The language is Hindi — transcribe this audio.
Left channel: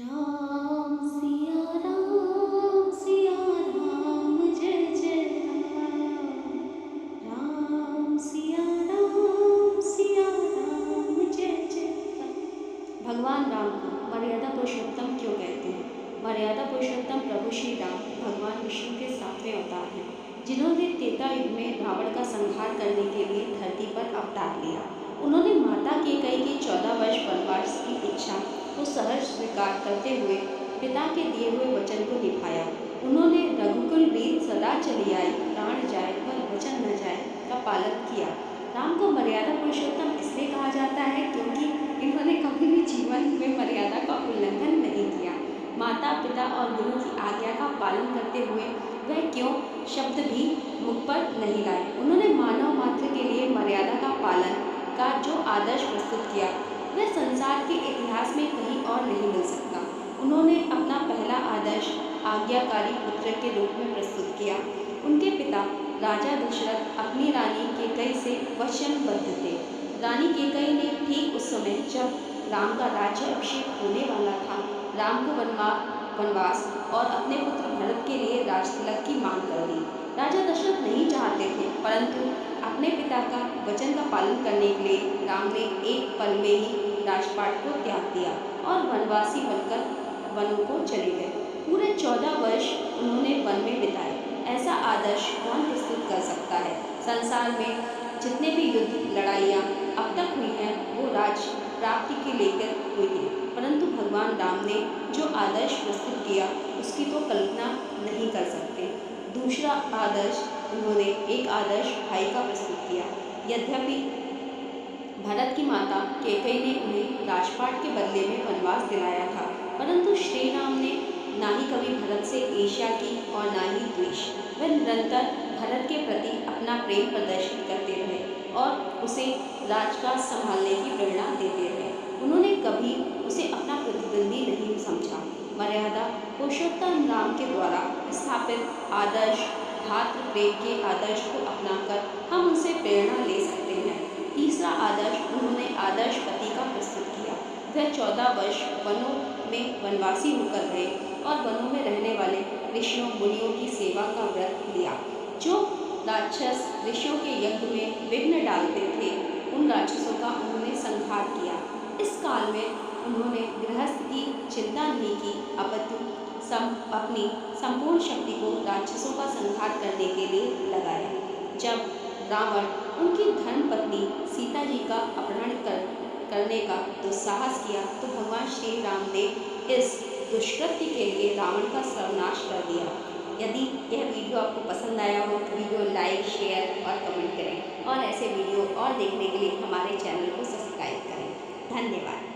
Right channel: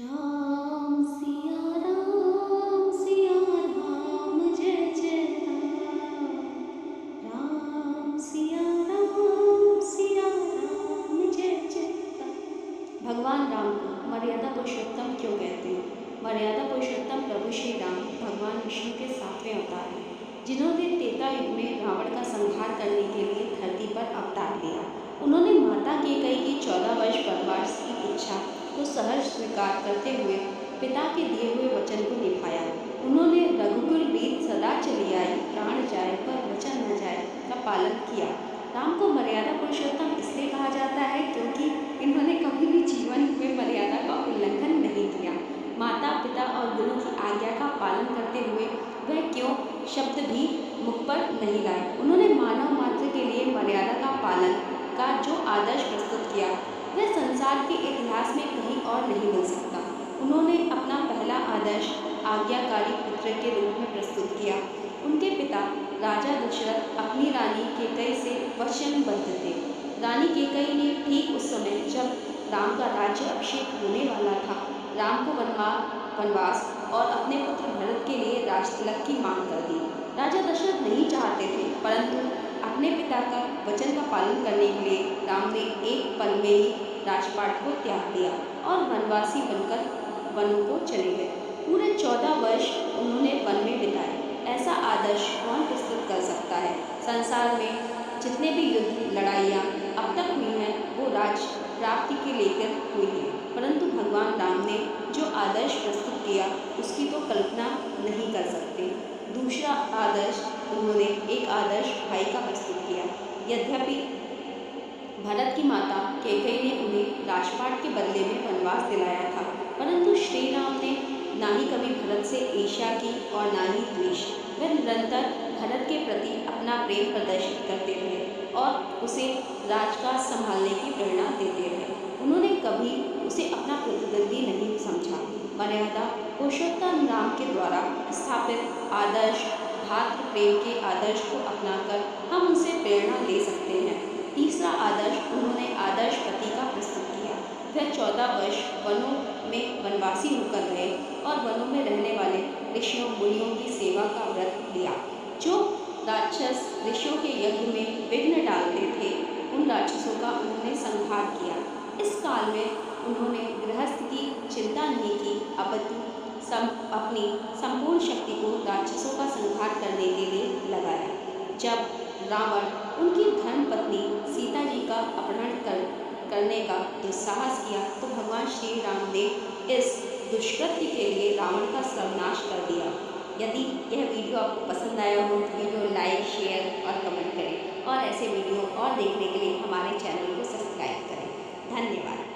राम सिया राम जय जय राम। सिया राम जय जय राम। भगवान राम को मर्यादा पुरुषोत्तम क्यों कहते हैं? मर्यादा पुरुषोत्तम प्रभु श्री राम भगवान विष्णु के 7वें अवतार हैं, जिन्होंने त्रेता युग में रावण का संहार करने के लिए धरती पर अवतार लिया। उन्होंने माता कैकेयी की 14 वर्ष वनवास की इच्छा को सहर्ष स्वीकार करते हुए पिता के दिए हुए वचन को निभाया। उन्होंने रघुकुल रीत सदा चली आई, प्राण जाए पर वचन न जाए का पालन किया। राम को मर्यादा पुरुषोत्तम इसलिए कहा जाता है क्योंकि इन्होंने कभी भी जीवन में मर्यादा का उल्लंघन नहीं किया। माता पिता और गुरु की आज्ञा का पालन करते हुए वह क्यों शब्द भी मुख पर नहीं लाए। उन्होंने मानव मात्र के लिए मर्यादा का पालन का जो आदर्श प्रस्तुत किया वह संसार के इतिहास में कहीं और नहीं मिल सकता। उन्होंने अपना पहला आदर्श आज्ञाकारी पुत्र के रूप में प्रस्तुत किया। उनके पिता राजा दशरथ अपनी रानी कैकेयी से वचनबद्ध थे। रानी कैकेयी ने ठीक उस समय जब राम का राज्य अभिषेक होने वाला था, राम को वनवास और अपने पुत्र भरत के लिए राजतिलक की मांग कर दी। राजा दशरथ नहीं चाहते थे, परंतु अपने पिता का वचन का पालन करने के लिए राम ने एक पल में ही राजपाट को त्याग दिया और वनवासी बनकर वनों को चले गए। पूरे 14 वर्ष उन्होंने वन में बिताए। ऐसा आदर्श कौन प्रस्तुत कर सकता है? संसार में जितने भी युद्ध लड़ाइयाँ अब तक हुई हैं वो राज प्राप्ति के लेकर हुई है, परंतु भगवान राम ने जो आदर्श प्रस्तुत किया उसकी तो कल्पना नहीं कर सकते। दूसरा आदर्श, उन्होंने एक आदर्श भाई का प्रस्तुत किया। यद्यपि भरत की माता कैकेयी ने उन्हें राजपाट के बदले में वनवास दिलाया था, परंतु श्री राम ने ना ही कभी भरत से ईर्ष्या की और ना ही द्वेष। वह निरंतर भरत के प्रति अपना प्रेम प्रदर्शित करते रहे और उसे राजकाज संभालने की प्रेरणा देते रहे। उन्होंने कभी उसे अपना प्रतिद्वंदी नहीं समझा। मर्यादा पुरुषोत्तम राम के द्वारा स्थापित आदर्श भातृ प्रेम के आदर्श को अपनाकर हम उनसे प्रेरणा ले सकते हैं। तीसरा आदर्श, उन्होंने आदर्श पति का प्रस्तुत किया। वह 14 वर्ष वनों में वनवासी होकर रहे और वनों में रहने वाले ऋषियों मुनियों की सेवा का व्रत लिया। जो राक्षस ऋषियों के यज्ञ में विघ्न डालते थे, उन राक्षसों का उन्होंने संहार किया। इस काल में उन्होंने गृहस्थ की चिंता नहीं की, अपितु अपनी संपूर्ण शक्ति को राक्षसों का संहार करने के लिए लगाया। जब रावण उनकी धर्मपत्नी सीता जी का अपहरण करने का दुस्साहस किया तो भगवान श्री राम ने इस दुष्कृत्य के लिए रावण का सर्वनाश कर दिया। यदि यह वीडियो आपको पसंद आया हो तो वीडियो लाइक, शेयर और कमेंट करें और ऐसे वीडियो और देखने के लिए हमारे चैनल को सब्सक्राइब करें। धन्यवाद।